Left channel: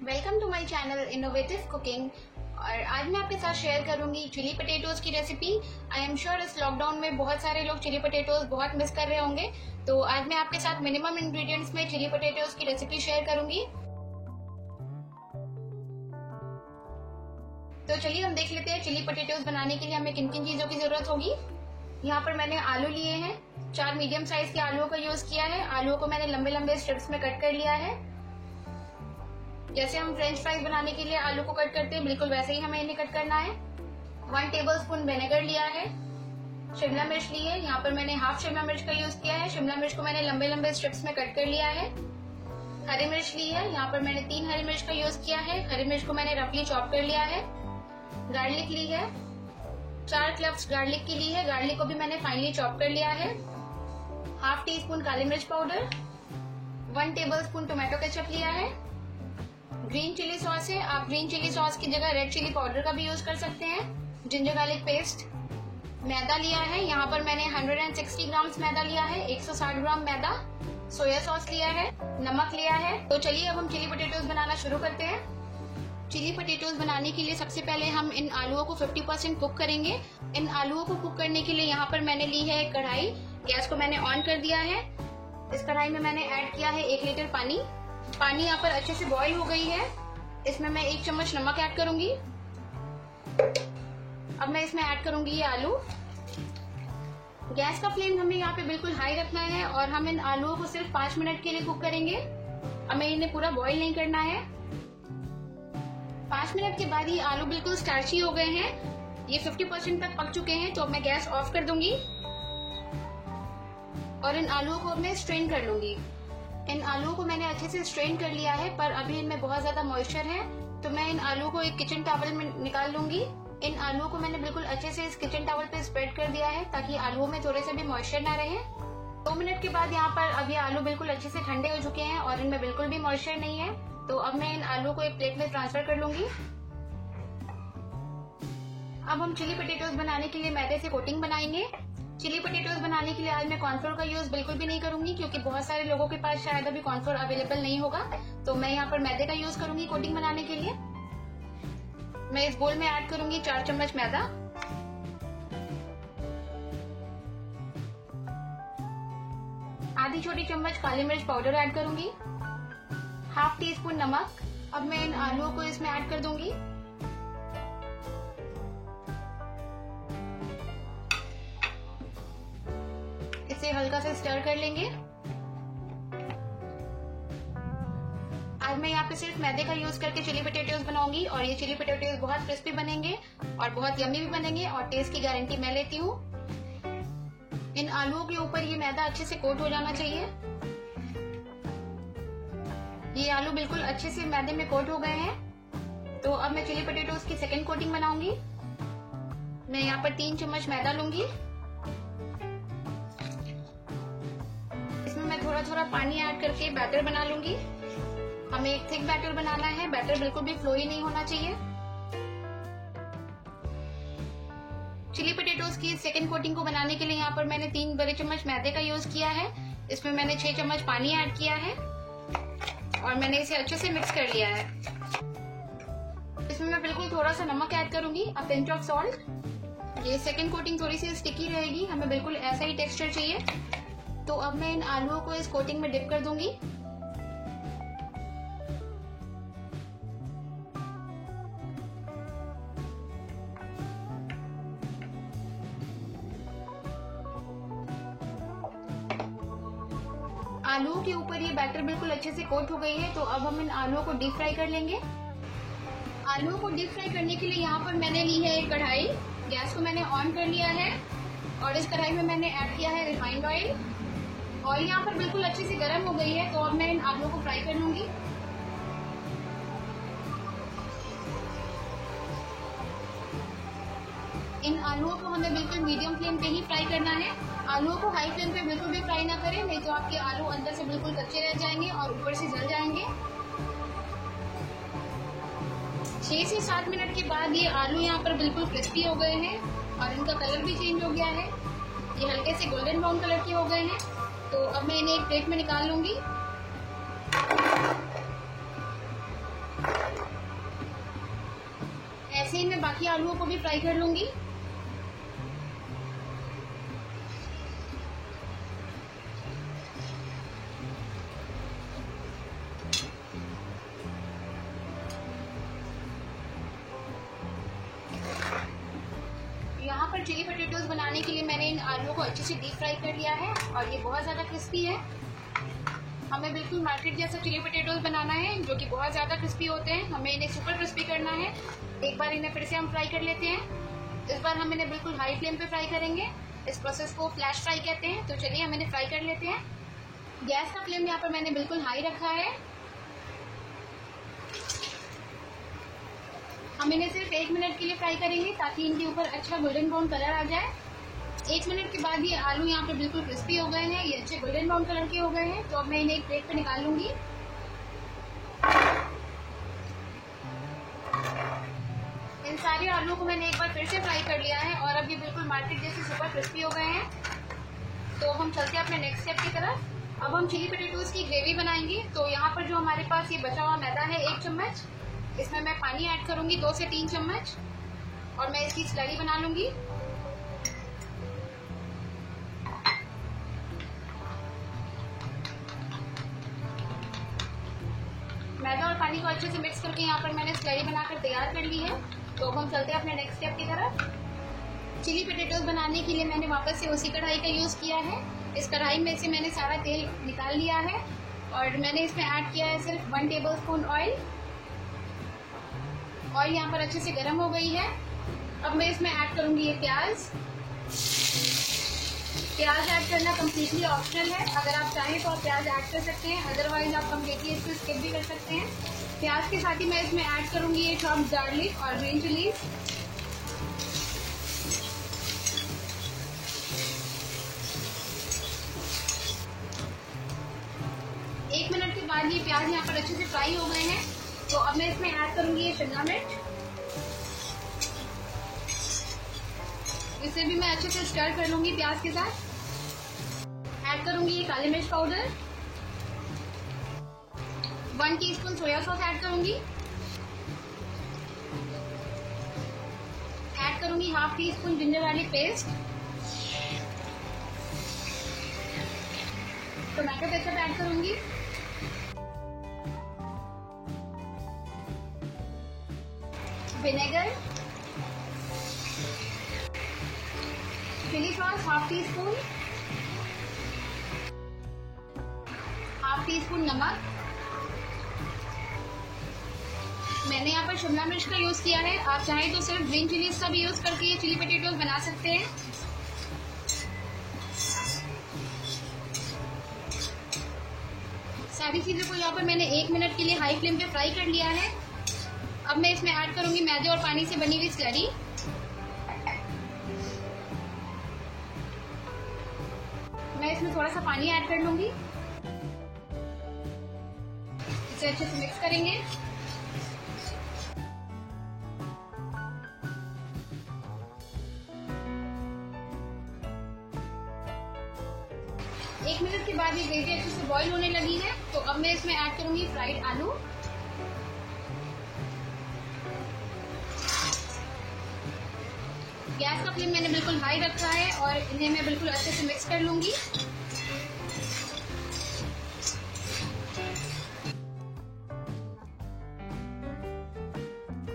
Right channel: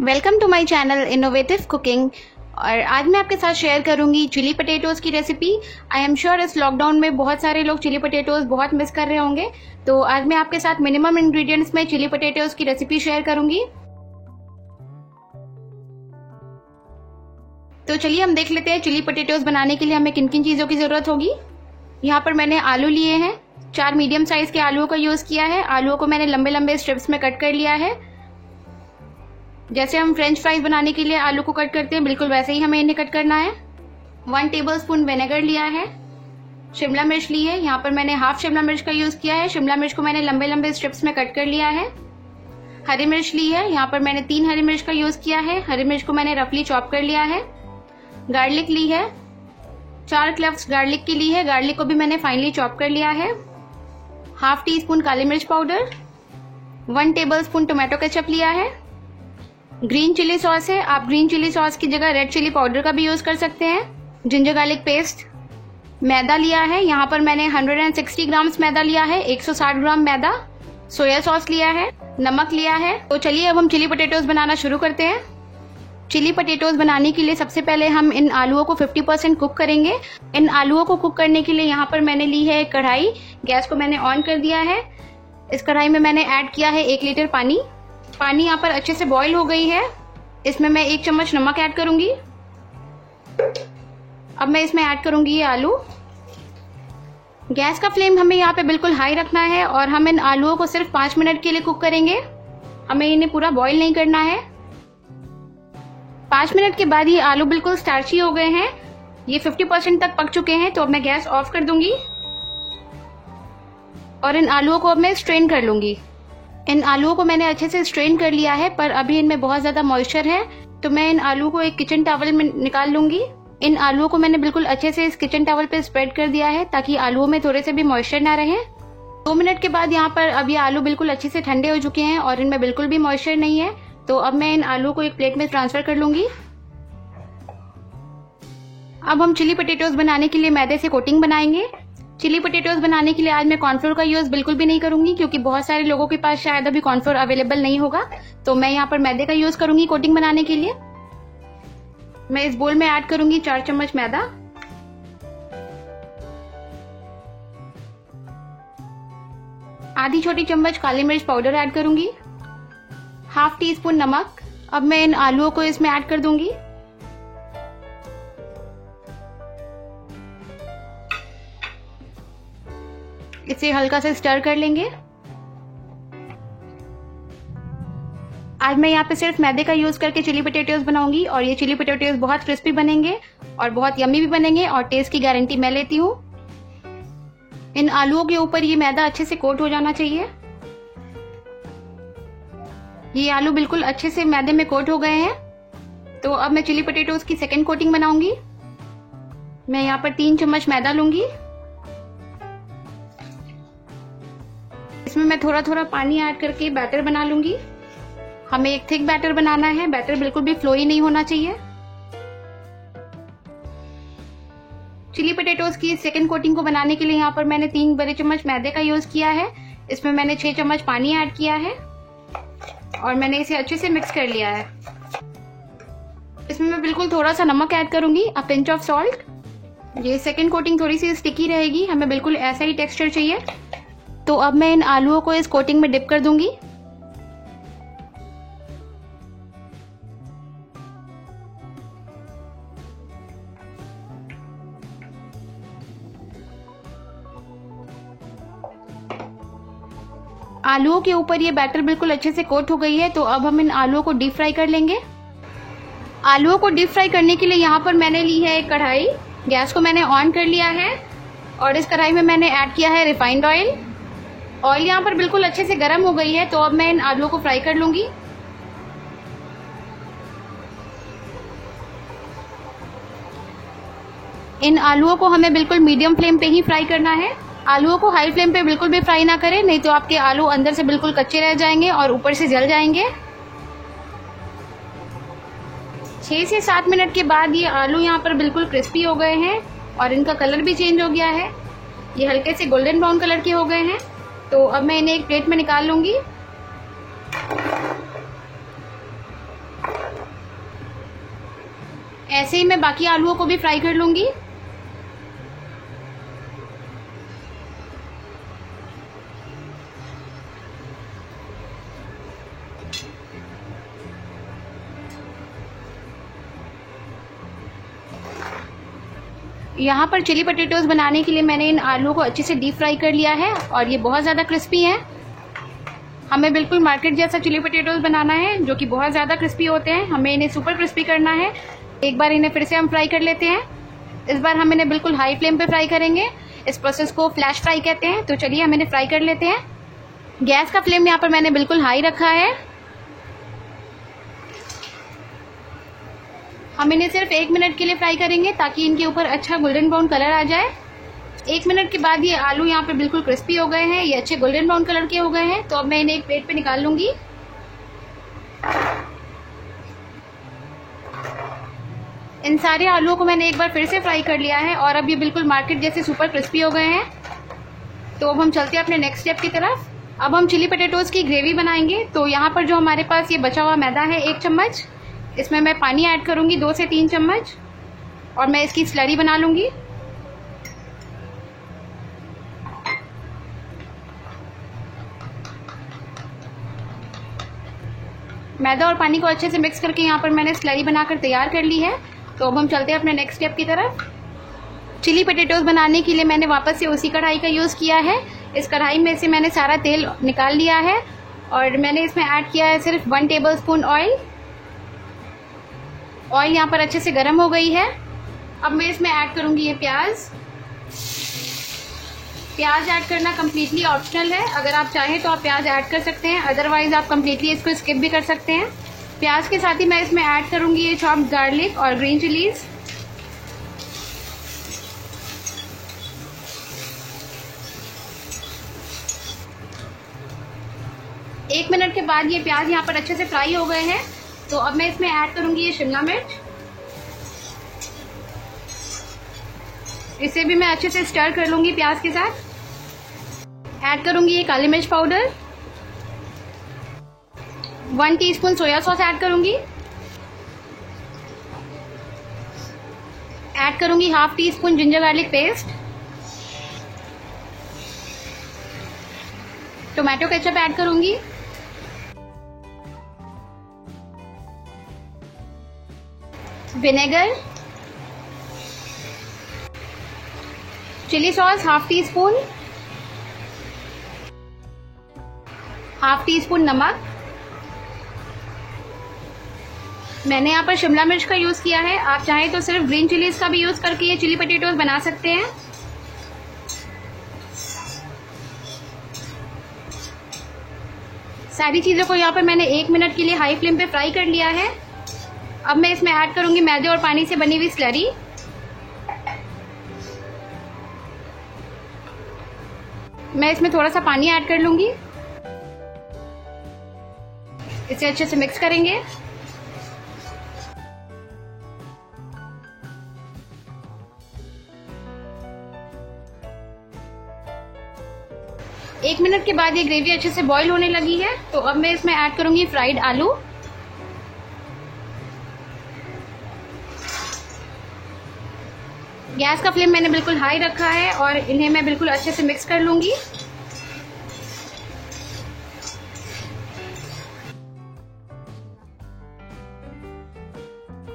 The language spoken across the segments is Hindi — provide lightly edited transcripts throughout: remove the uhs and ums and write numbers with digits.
Welcome to my channel innovative cooking. और आज मैं आपके साथ शेयर करूंगी चिली पटेटोज़ की रेसिपी। आई एम श्योर इस लॉकडाउन में बहुत सारे लोग चिली पटेटोज़ बहुत मिस कर रहे होंगे, तो आज मैं आपके साथ मिनिमम इंग्रेडिएंट्स में चिली पटेटोज़ की रेसिपी शेयर करूंगी। तो चलिए हम देख लेते हैं चिली पटेटोज़ बनाने के लिए हमें किन किन चीज़ों की ज़रूरत होगी। यहाँ पर मैंने आलू लिए हैं, 4 मीडियम साइज के आलूओं का यूज़ किया है। आलूओं को मैंने लंबे लंबे स्ट्रिप्स में कट कर लिया है। जैसे हम फ्रेंच फ्राइज बनाने के लिए आलू को कट करते हैं, बिल्कुल वैसे ही हमें इन्हें कट करना है। 1 टेबलस्पून विनेगर लिया है। शिमला मिर्च ली है, यहाँ पर मैंने हाफ शिमला मिर्च का यूज किया है। शिमला मिर्च को मैंने लंबे लंबे स्ट्रिप्स में कट कर लिया है। हरी मिर्च ली है, यहाँ पर मैंने 3 हरी मिर्च का यूज किया है। हरी मिर्च को मैंने रफली चॉप कर लिया है। गार्लिक ली है, 4 क्लव्स गार्लिक की ली है। गार्लिक को भी मैंने फाइनली चॉप कर लिया है। हाफ टी स्पून काली मिर्च पाउडर, 1 टेबलस्पून टोमेटो केचप लिया है। ग्रीन चिली सॉस है, आप ग्रीन चिली सॉस की जगह रेड चिली पाउडर का भी यूज कर सकते हैं। जिंजर गार्लिक पेस्ट, मैदा लिया है, यहाँ पर मैंने 160 ग्राम्स मैदा लिया है, 160 ग्राम मैदा। सोया सॉस लिया है, नमक लिया है। तो चलिए अब हम चिली पटेटोज बनाना शुरू करते हैं। चिली पटेटोज बनाने के लिए सबसे पहले हम इन आलूओं को 50% कुक करेंगे। इन आलूओं को कुक करने के लिए यहाँ पर मैंने ली है एक कढ़ाई। गैस को मैंने ऑन कर दिया है। इस कढ़ाई में मैंने ऐड किया है 1 लीटर पानी। पानी यहाँ पर अच्छे से बॉईल हो गई है। इसमें मैं 1 चम्मच नमक ऐड करूंगी। अब मैं इसमें ऐड करूंगी ये आलू। गैस का फ्लेम हमें यहाँ पे बिल्कुल हाई रखना है और हम इन आलूओं को सिर्फ 5 मिनट के लिए कुक करेंगे। हमें इन्हें पूरा बॉईल नहीं करना है। 5 मिनट के बाद ये आलू बिल्कुल स्टार्ची हो गए हैं, ये 50% तक पक चुके हैं। तो अब मैं गैस ऑफ कर दूंगी और इन आलूओं को अब मैं स्ट्रेन कर लूंगी। इन आलूओं को मैंने अच्छे से स्ट्रेन कर लिया है, पर अभी इनमें बहुत ज्यादा मॉइस्चर है, तो मैं इन आलू को एक किचन टॉवल में निकाल लूंगी। इन आलूओं को मैंने बिल्कुल अच्छे से इस किचन टॉवल पे स्प्रेड कर दिया है ताकि आलूओं में थोड़े से भी मॉइस्चर ना रहे। 2 मिनट के बाद यहाँ पर अब ये आलू बिल्कुल अच्छे से ठंडे हो चुके हैं और इनमें बिल्कुल भी मॉइस्चर नहीं है। तो अब मैं इन आलू को एक प्लेट में ट्रांसफर कर लूंगी। अब हम चिली पटेटोज बनाने के लिए मैदे से कोटिंग बनाएंगे। चिली पटेटोज बनाने के लिए आज मैं कॉर्नफ्लोर का यूज बिल्कुल भी नहीं करूंगी, क्योंकि बहुत सारे लोगों के पास शायद अभी कॉर्नफ्लोर अवेलेबल नहीं होगा। तो मैं यहाँ पर मैदे का यूज करूंगी कोटिंग बनाने के लिए। मैं इस बोल में ऐड करूंगी 4 चम्मच मैदा, आधी छोटी चम्मच काली मिर्च पाउडर ऐड करूंगी, हाफ टी स्पून नमक। अब मैं इन आलूओं को इसमें ऐड कर दूंगी। इसे हल्का से स्टर कर लेंगे। आज मैं यहाँ पे सिर्फ मैदे का यूज करके चिली पटेटोज बनाऊंगी और ये चिली पटेटोज बहुत क्रिस्पी बनेंगे और बहुत यम्मी भी बनेंगे और टेस्ट की गारंटी मैं लेती हूँ। इन आलूओं के ऊपर ये मैदा अच्छे से कोट हो जाना चाहिए। ये आलू बिल्कुल अच्छे से मैदे में कोट हो गए हैं। तो अब मैं चिली पटेटोज की सेकेंड कोटिंग बनाऊंगी। मैं यहाँ पर 3 चम्मच मैदा लूंगी। इसमें मैं थोड़ा थोड़ा पानी ऐड करके बैटर बना लूंगी। हमें एक थिक बैटर बनाना है, बैटर बिल्कुल भी फ्लोई नहीं होना चाहिए। चिली पटेटोज की सेकंड कोटिंग को बनाने के लिए यहाँ पर मैंने 3 बड़े चम्मच मैदे का यूज किया है। इसमें मैंने 6 चम्मच पानी ऐड किया है और मैंने इसे अच्छे से मिक्स कर लिया है। इसमें मैं बिल्कुल थोड़ा सा नमक ऐड करूंगी, अ पिंच ऑफ सॉल्ट। ये सेकंड कोटिंग थोड़ी सी स्टिकी रहेगी, हमें बिल्कुल ऐसा ही टेक्सचर चाहिए। तो अब मैं इन आलूओं को इस कोटिंग में डिप कर दूंगी। आलूओं के ऊपर ये बैटर बिल्कुल अच्छे से कोट हो गई है। तो अब हम इन आलूओं को डीप फ्राई कर लेंगे। आलूओं को डीप फ्राई करने के लिए यहाँ पर मैंने ली है एक कढ़ाई। गैस को मैंने ऑन कर लिया है और इस कढ़ाई में मैंने ऐड किया है रिफाइंड ऑयल। ऑयल यहाँ पर बिल्कुल अच्छे से गर्म हो गई है। तो अब मैं इन आलूओं को फ्राई कर लूंगी। इन आलूओं को हमें बिल्कुल मीडियम फ्लेम पे ही फ्राई करना है। आलूओं को हाई फ्लेम पे बिल्कुल भी फ्राई ना करें, नहीं तो आपके आलू अंदर से बिल्कुल कच्चे रह जाएंगे और ऊपर से जल जाएंगे। 6 से 7 मिनट के बाद ये आलू यहाँ पर बिल्कुल क्रिस्पी हो गए हैं और इनका कलर भी चेंज हो गया है। ये हल्के से गोल्डन ब्राउन कलर के हो गए हैं। तो अब मैं इन्हें एक प्लेट में निकाल लूंगी। ऐसे ही मैं बाकी आलूओं को भी फ्राई कर लूंगी। यहाँ पर चिली पटेटोज बनाने के लिए मैंने इन आलूओं को अच्छे से डीप फ्राई कर लिया है और ये बहुत ज़्यादा क्रिस्पी हैं। हमें बिल्कुल मार्केट जैसा चिली पटेटोज बनाना है जो कि बहुत ज़्यादा क्रिस्पी होते हैं। हमें इन्हें सुपर क्रिस्पी करना है। एक बार इन्हें फिर से हम फ्राई कर लेते हैं। इस बार हम इन्हें बिल्कुल हाई फ्लेम पे फ्राई करेंगे। इस प्रोसेस को फ्लैश फ्राई कहते हैं। तो चलिए हम इन्हें फ्राई कर लेते हैं। गैस का फ्लेम यहाँ पर मैंने बिल्कुल हाई रखा है। हम इन्हें सिर्फ 1 मिनट के लिए फ्राई करेंगे ताकि इनके ऊपर अच्छा गोल्डन ब्राउन कलर आ जाए। 1 मिनट के बाद ये आलू यहाँ पे बिल्कुल क्रिस्पी हो गए हैं, ये अच्छे गोल्डन ब्राउन कलर के हो गए हैं। तो अब मैं इन्हें एक प्लेट पे निकाल लूंगी। इन सारे आलूओं को मैंने एक बार फिर से फ्राई कर लिया है और अब ये बिल्कुल मार्केट जैसे सुपर क्रिस्पी हो गए हैं। तो अब हम चलते हैं अपने नेक्स्ट स्टेप की तरफ। अब हम चिली पटेटोज की ग्रेवी बनाएंगे। तो यहाँ पर जो हमारे पास ये बचा हुआ मैदा है 1 चम्मच, इसमें मैं पानी ऐड करूंगी 2 से 3 चम्मच और मैं इसकी स्लरी बना लूंगी। मैदा और पानी को अच्छे से मिक्स करके यहाँ पर मैंने स्लरी बनाकर तैयार कर ली है। तो अब हम चलते हैं अपने नेक्स्ट स्टेप की तरफ। चिली पटेटोज बनाने के लिए मैंने वापस से उसी कढ़ाई का यूज़ किया है। इस कढ़ाई में से मैंने सारा तेल निकाल लिया है और मैंने इसमें ऐड किया है सिर्फ 1 टेबल स्पून ऑयल। ऑयल यहाँ पर अच्छे से गर्म हो गई है। अब मैं इसमें ऐड करूंगी ये प्याज। प्याज ऐड करना कम्प्लीटली ऑप्शनल है। अगर आप चाहें तो आप प्याज ऐड कर सकते हैं, अदरवाइज आप कम्प्लीटली इसको स्किप भी कर सकते हैं। प्याज के साथ ही मैं इसमें ऐड करूंगी ये चॉप्ड गार्लिक और ग्रीन चिलीज। एक मिनट के बाद ये प्याज यहाँ पर अच्छे से फ्राई हो गए हैं। तो अब मैं इसमें ऐड करूंगी ये शिमला मिर्च। इसे भी मैं अच्छे से स्टर कर लूंगी प्याज के साथ। ऐड करूंगी ये काली मिर्च powder. 1 teaspoon soya sauce add करूंगी। ऐड करूंगी ½ teaspoon ginger garlic paste. Tomato ketchup add करूंगी। Vinegar, chilli sauce ½ teaspoon, ½ teaspoon नमक। मैंने यहाँ पर शिमला मिर्च का यूज किया है। आप चाहें तो सिर्फ ग्रीन चिलीज का भी यूज करके ये चिली पटेटोज बना सकते हैं। सारी चीजों को यहाँ पर मैंने 1 मिनट के लिए हाई फ्लेम पे फ्राई कर लिया है। अब मैं इसमें ऐड करूंगी मैदे और पानी से बनी हुई स्लरी। मैं इसमें थोड़ा सा पानी ऐड कर लूंगी। इसे अच्छे से मिक्स करेंगे। एक मिनट के बाद ये ग्रेवी अच्छे से बॉईल होने लगी है। तो अब मैं इसमें ऐड करूंगी फ्राइड आलू। गैस का फ्लेम मैंने बिल्कुल हाई रखा है और इन्हें मैं बिल्कुल अच्छे से मिक्स कर लूंगी।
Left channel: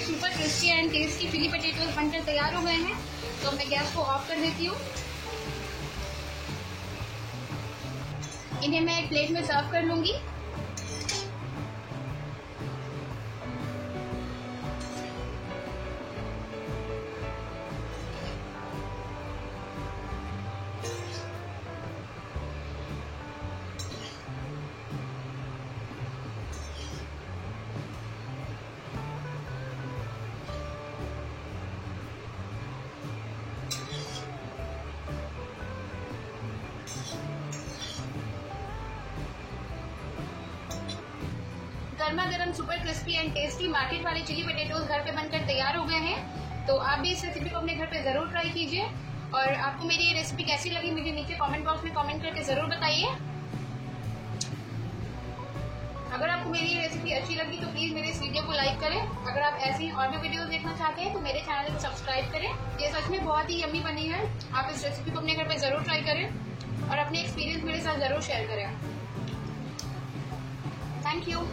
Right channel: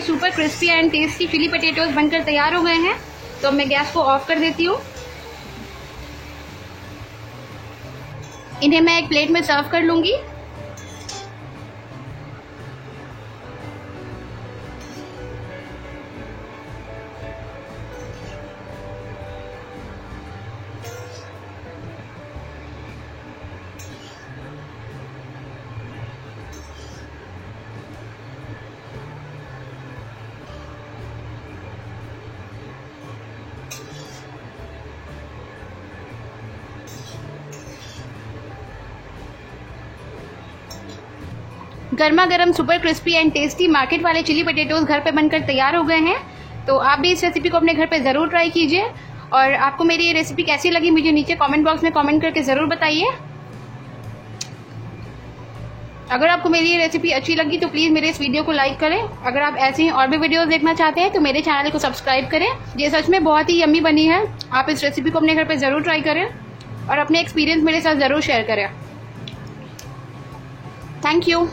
Super crispy and tasty chilli potatoes बनकर तैयार हो गए हैं। तो मैं गैस को ऑफ कर देती हूँ। इन्हें मैं एक प्लेट में सर्व कर लूंगी। गर्मा गर्म super crispy and tasty market वाले चिली पटेटोज घर पे बनकर तैयार हो गए हैं। तो आप भी इस रेसिपी को अपने घर पे जरूर ट्राई कीजिए और आपको मेरी ये रेसिपी कैसी लगी मुझे नीचे कमेंट बॉक्स में कमेंट करके जरूर बताइए। अगर आपको मेरी ये रेसिपी अच्छी लगी तो प्लीज़ मेरे इस वीडियो को लाइक करें। अगर आप ऐसे ही और भी वीडियोस देखना चाहते हैं तो मेरे चैनल को सब्सक्राइब करें। ये सच में बहुत ही यम्मी बनी है। आप इस रेसिपी को अपने घर पे ज़रूर ट्राई करें और अपने एक्सपीरियंस मेरे साथ ज़रूर शेयर करें। Thank you.